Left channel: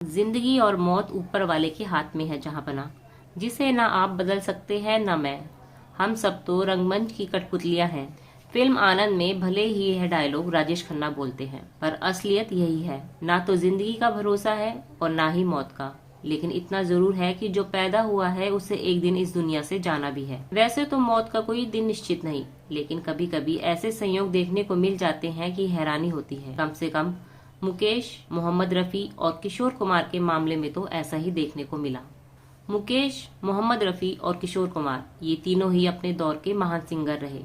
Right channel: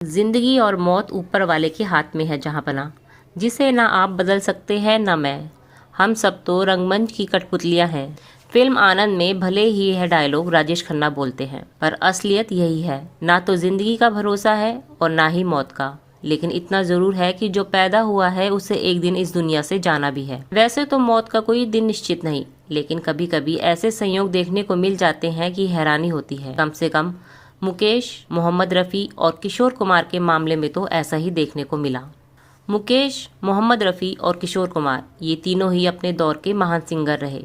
जिंदगी और मौत ऊपर वाले के हाथ में है जहां बना, जिसे ना आप बदल सकते हैं ना मैं। हम सब तो रंगमंच की कठपुतलियां हैं। फिल्म आनंद में भले ही यह डायलॉग राजेश खन्ना बोलते हैं, पर असलियत यही है। ना तो जिंदगी का भरोसा है और ना ही मौत का, लेकिन इतना जरूर है कि जो पैदा हुआ है उसे एक दिन इस दुनिया से जाना भी है। वैसे तो मौत का कोई दिन निश्चित नहीं, लेकिन कभी कभी ऐसे संयोग देखने को मिल जाते हैं कि हैरानी होती है। कम से कम मुकेश, मोहम्मद रफ़ी और किशोर कुमार के मामले में तो ऐसा ही देखने को मिला। मुकेश, मोहम्मद रफ़ी और किशोर कुमार ये तीनों ही अपने दौर के महान सिंगर रहे।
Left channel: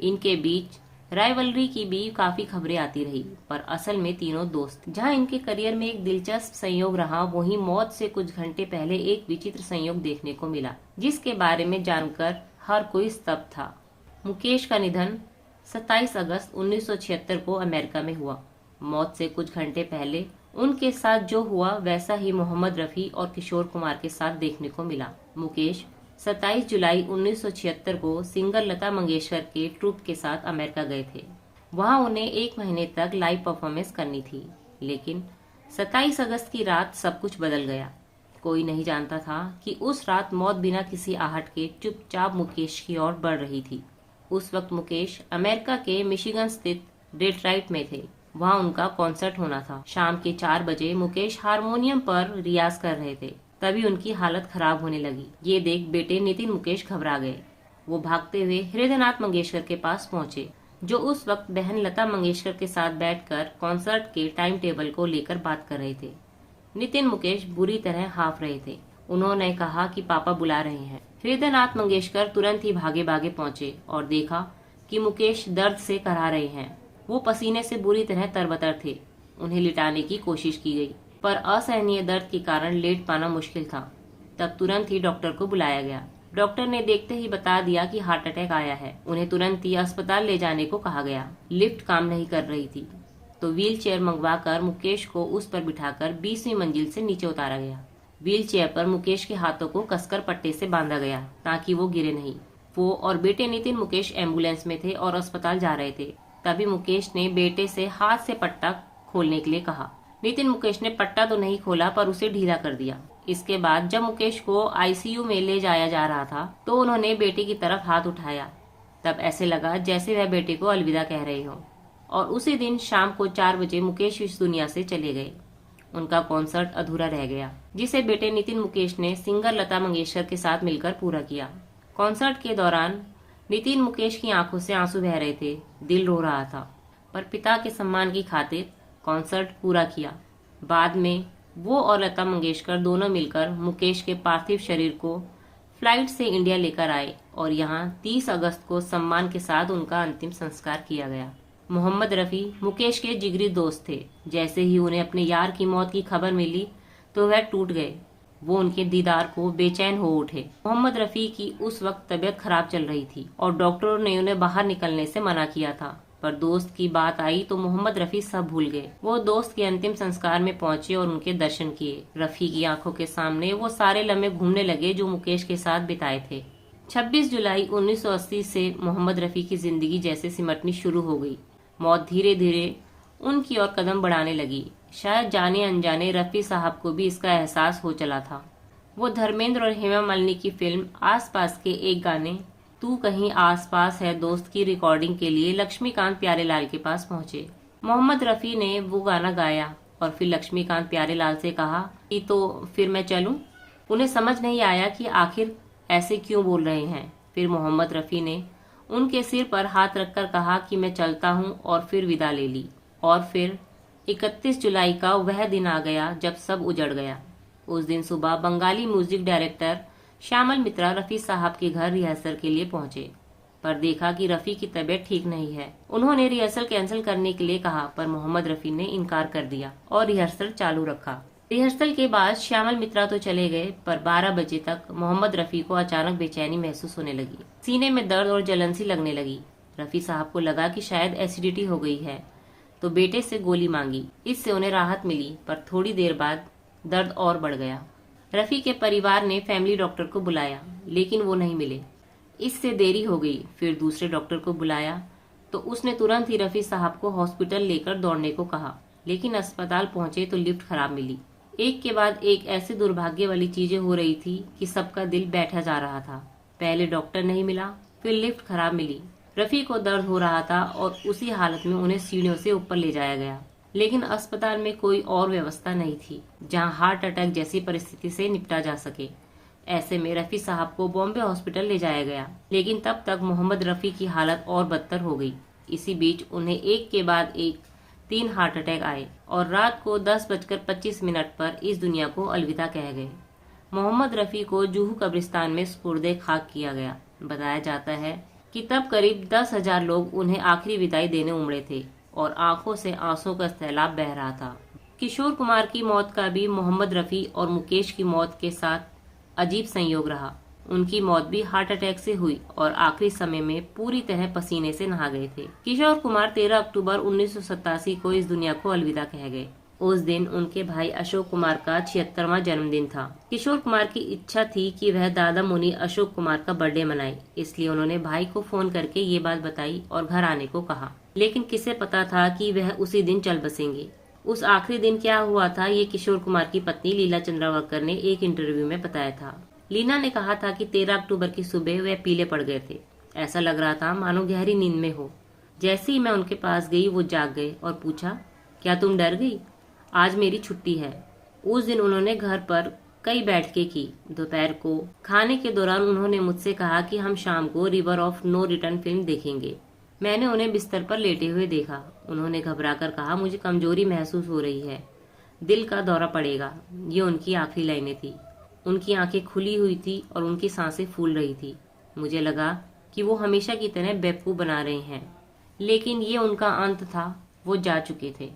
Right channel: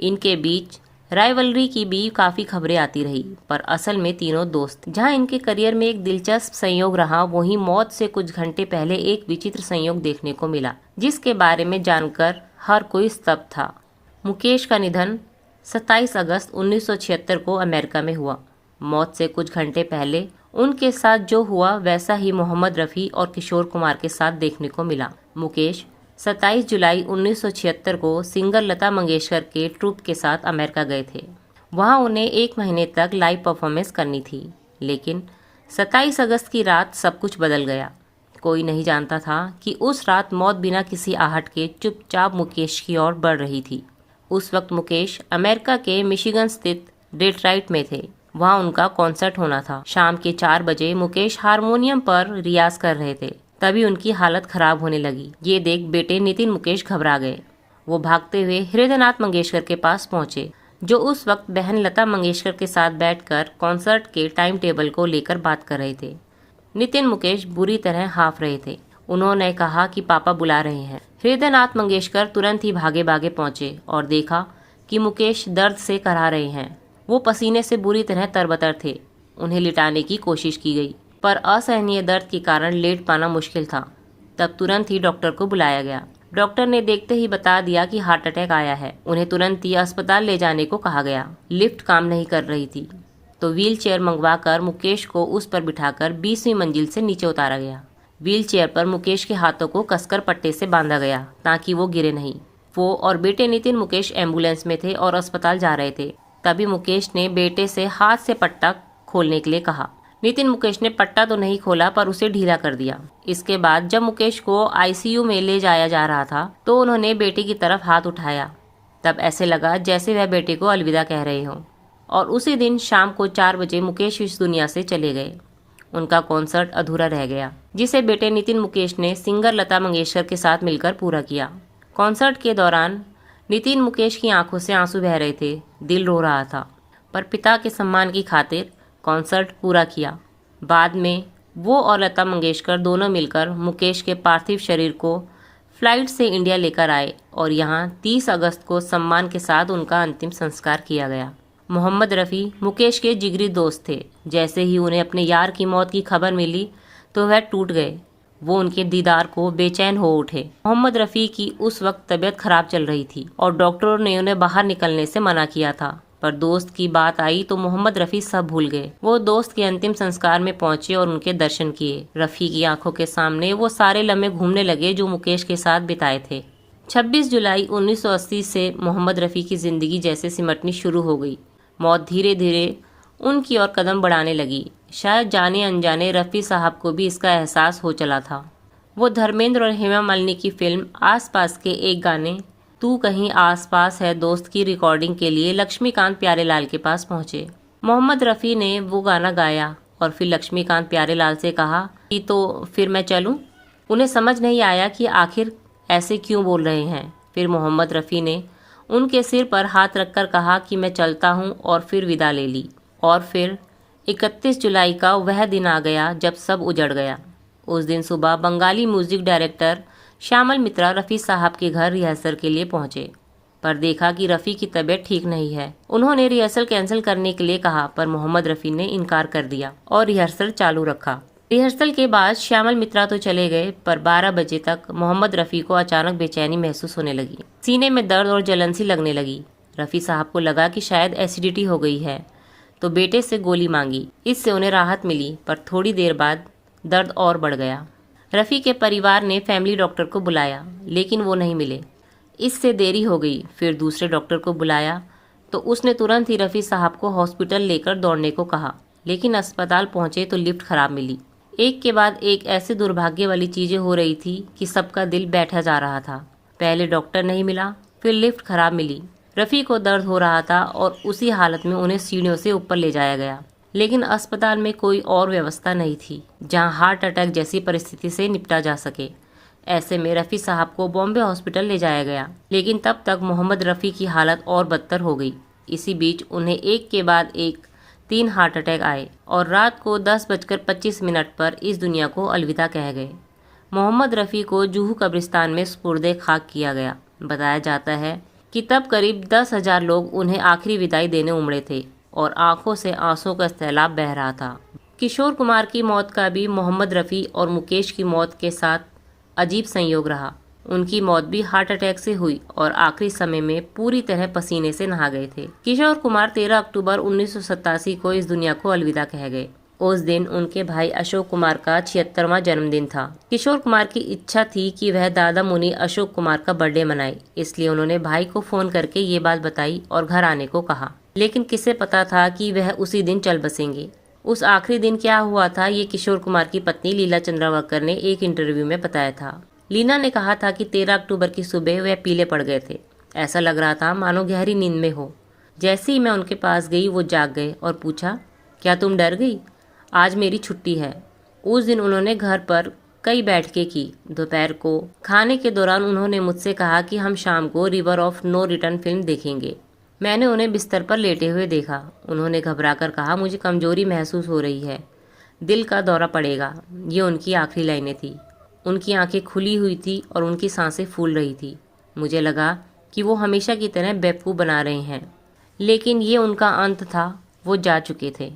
इनके बीच राइवलरी की भी काफी खबरें आती रही, पर असल में तीनों दोस्त। जहां इनके करियर में एक दिलचस्प संयोग रहा, वहीं मौत से कुछ घंटे पहले एक विचित्र संयोग देखने को मिला, जिसके बारे में जानकर हर कोई स्तब्ध था। मुकेश का निधन 27 अगस्त 1976 को अमेरिका में हुआ। मौत से कुछ घंटे पहले उनके साथ जो हुआ वैसा ही मोहम्मद रफ़ी और किशोर कुमार के साथ देखने को मिला। मुकेश 27 जुलाई 1976 को सिंगर लता मंगेशकर के ट्रूप के साथ अमेरिका गए थे। वहां उन्हें एक महीने तक लाइव परफॉर्मेंस करनी थी, लेकिन 27 अगस्त की रात सब कुछ बदल गया। कोई नहीं जानता था कि उस रात मौत बिना किसी आहट के चुपचाप मुकेश की ओर बढ़ रही थी। उस वक्त मुकेश अमेरिका के मिशिगन स्थित डेट्रॉइट में थे। वहां उनका कॉन्सर्ट होना था। शाम के 4 बजे मुकेश हारमोनियम पर रियाज कर रहे थे, तभी उनकी हालत खराब होने लगी। ये देख बेटे नितिन मुकेश घबरा गए। वो भागते हुए हृदयनाथ मंगेशकर के पास पहुंचे, जो उस वक्त बहन लता मंगेशकर के साथ बैठकर कॉन्सर्ट के टाइम टेबल को लेकर बात कर रहे थे। नितिन मुकेश बुरी तरह हाफ रहे थे। उन्होंने कहा कि पापा बुला रहे हैं। हृदयनाथ मंगेशकर तुरंत ही भागे भागे पहुंचे और देखा कि मुकेश दर्द से कराह रहे हैं। वो पसीने से बुरी तरह तरबतर थे। उन्हें लिटाने की कोशिश की गई, पर असहनीय दर्द के कारण लेट पाना मुश्किल था। तब तुरंत ही डॉक्टर को बुलाया गया। डॉक्टर ने देखते ही बता दिया कि हार्ट अटैक आया है। उन्हें तुरंत ही अस्पताल ले जाने को कहा गया। लिफ्ट काम नहीं कर रही थी, तो व्हील चेयर मंगवाकर मुकेश को उस पर बिठाकर 20वीं मंजिल से नीचे उतारा गया। व्हील चेयर पर मुकेश के हाथों को कसकर पट्टे से बांधा गया ताकि वो गिरे नहीं। वो और बेटे नितिन मुकेश एम्बुलेंस में थे और अस्पताल जा रहे थे। तभी मुकेश ने बेटे से हाथ से पट्टा खोलने के लिए कहा। नितिन मुकेश ने पट्टा तो नहीं खोला, पर उसे ढीला कर दिया। इसके बाद जब मुकेश को आईसीयू में ले जाया जा रहा था, तो उन्होंने बेटे की तरफ हाथ उठाया। तब ऐसे लगा जैसे वह बेटे को अलविदा कह रहे हों। और उसी दिन शाम को 4 बजे मुकेश इस दुनिया से चले गए। उनका कॉन्सर्ट अधूरा रह गया, जिसे बेटे नितिन मुकेश ने सिंगर लता मंगेशकर के साथ मिलकर पूरा किया। कॉन्सर्ट के दौरान नितिन मुकेश की आंखों से आंसू बह रहे थे, दिल रो रहा था, पर पिता के सम्मान की खातिर कॉन्सर्ट पूरा किया। बाद में वो और लता मंगेशकर दोनों मिलकर मुकेश के पार्थिव शरीर को फ्लाइट से इंडिया लेकर आए और यहाँ 30 अगस्त को सम्मान के साथ उनका अंतिम संस्कार किया गया। मोहम्मद रफ़ी मुकेश के जिगरी दोस्त थे। जैसे ही उन्हें अपने यार की मौत की खबर मिली तो वह टूट गए। वो उनके दीदार को बेचैन हो उठे। मोहम्मद रफ़ी की उस वक्त तबीयत खराब चल रही थी और डॉक्टरों ने उन्हें बाहर निकलने से मना किया था, पर दोस्त की बात आई तो मोहम्मद रफ़ी सब भूल गए। वो दोस्त के अंतिम संस्कार में पहुंचे और उनके दर्शन किए। रफ़ी की आंखों के सामने वो सारे लम्हे घूमने लगे जो मुकेश के साथ बिताए थे। 26 जुलाई 1980 से मोहम्मद रफ़ी की जिंदगी जैसे सिमटनी शुरू हो गई। मौत धीरे धीरे उनकी ओर कदम बढ़ाने लगी। शायद जाने अनजाने रफ़ी साहब को भी इसका एहसास हो चला था। वो धर्मेंद्र और हेमा मालिनी की फिल्म आसपास के एक गाने तू कहीं आसपास है दोस्त की रिकॉर्डिंग के लिए लक्ष्मीकांत प्यारेलाल के पास पहुंचे। मोहम्मद रफ़ी ने वो गाना गाया और फिर लक्ष्मीकांत प्यारेलाल से कहा कि तो फिर मैं चलूं। उन्हें समझ नहीं आया कि आखिर ऐसे क्यों बोल रहे हैं। फिर मोहम्मद रफ़ी ने उनके सिर पर हाथ रखकर कहा कि मैं चलता हूं और फिर विदा ले ली। और फिर 31 जुलाई का वह दिन आ गया जब सब उजड़ गया। उस दिन सुबह बंगाली म्यूजिक डायरेक्टर श्यामल मित्रा रफ़ी साहब के घर रिहर्सल के लिए पहुंचे, पर देखा कि रफ़ी की तबीयत ठीक नहीं है। उन्होंने रिहर्सल कैंसिल करने के लिए कहा, पर मोहम्मद रफ़ी ने इनकार कर दिया और रिहर्सल चालू रखा। रिहर्सल के बाद श्यामल मित्रा तो चले गए, पर 12 बजे तक मोहम्मद रफ़ी को अचानक बेचैनी महसूस होने लगी। सीने में दर्द और जलन सी लगने लगी। रफ़ी साहब को लगा कि शायद एसिडिटी हो गई है, तो बेटे से गोली मांगी। इससे उन्हें राहत मिली, पर थोड़ी देर बाद दर्द और बढ़ गया। रफ़ी के परिवार ने फैमिली डॉक्टर को बुलाया, लेकिन वो नहीं मिले। इससे देरी हो गई। फिर दूसरे डॉक्टर को बुलाया तो उसने तुरंत ही रफ़ी साहब को हॉस्पिटल लेकर दौड़ने को कहा, लेकिन अस्पताल पहुंचे तो लिफ्ट खराब मिली। एक के बाद एक ऐसे दुर्भाग्य वाली चीजें हो रही थी कि सबका दिल बैठा जा रहा था। पहले डॉक्टर नहीं मिला, फिर लिफ्ट खराब मिली। रफ़ी को दर्द हो रहा था और उसी हालत में उन्हें सीढ़ियों से ऊपर ले जाया गया। लेकिन अस्पताल में कोई और व्यवस्था नहीं थी जहां हार्ट अटैक जैसी परिस्थिति से निपटा जा सके। ऐसे में रफ़ी साहब को बॉम्बे हॉस्पिटल ले जाया गया, लेकिन तब तक मोहम्मद रफ़ी की हालत और बदतर हो गई। इसी बीच उन्हें एक के बाद एक 3 हार्ट अटैक आए और रात को 10:25 पर इस दुनिया को अलविदा कह गए। मोहम्मद रफ़ी को जूहू कब्रिस्तान में सुपुर्दे खाक किया गया। बताया जाता है कि तब करीब 10,000 लोग उन्हें आखिरी विदाई देने उमड़े थे और आंखों से आंसुओं का सैलाब बह रहा था। किशोर कुमार की मौत का भी मोहम्मद रफ़ी और मुकेश की मौत के साथ अजीब संयोग रहा। उनकी मौत भी हार्ट अटैक से हुई और आखिरी समय में पूरी तरह पसीने से नहा गए थे। किशोर कुमार 13 अक्टूबर 1987 को इस दुनिया को अलविदा कह गए। उस दिन उनके भाई अशोक कुमार का 76वां जन्मदिन था। किशोर कुमार की इच्छा थी कि वह दादा मुनि अशोक कुमार का बर्थडे मनाए, इसलिए उन्होंने भाई को फोन करके ये बात बताई और घर आने को कहा। लेकिन किसे पता था कि वह उसी दिन चल बसेंगे। उस आखिरी दिन क्या हुआ था, ये किशोर कुमार की पत्नी लीला चंद्रावकर ने एक इंटरव्यू में बताया था। लीना ने कहा था कि 13 अक्टूबर की सुबह वह पीले पड़ गए थे। ऐसा लग रहा था मानो गहरी नींद में हो। जैसे ही मैं उनके पास गई वो जाग गए और पूछा, क्या तुम डर गई? आज मेरी छुट्टी है। उस दिन उन्होंने घर पर कई बैठकें की। दोपहर को खाने के दौरान उन्होंने मुझसे कहा कि हम शाम को river of no return film देखेंगे। मैंने उन्हें बिस्तर पर लेटे हुए देखा। उन्होंने घबराकर कहा, मुझे कमजोरी महसूस हो रही है, दिल का दौरा पड़ेगा। ये उनकी आखिरी लाइनें थी। उनकी आंखें खुली हुई थी और उनकी सांसें फूल रही थी। मुझे लगा कि वो हमेशा की तरह बेवकूफ़ बना रहे हैं, लेकिन ये उनका अंत था। वो जा चुके थे।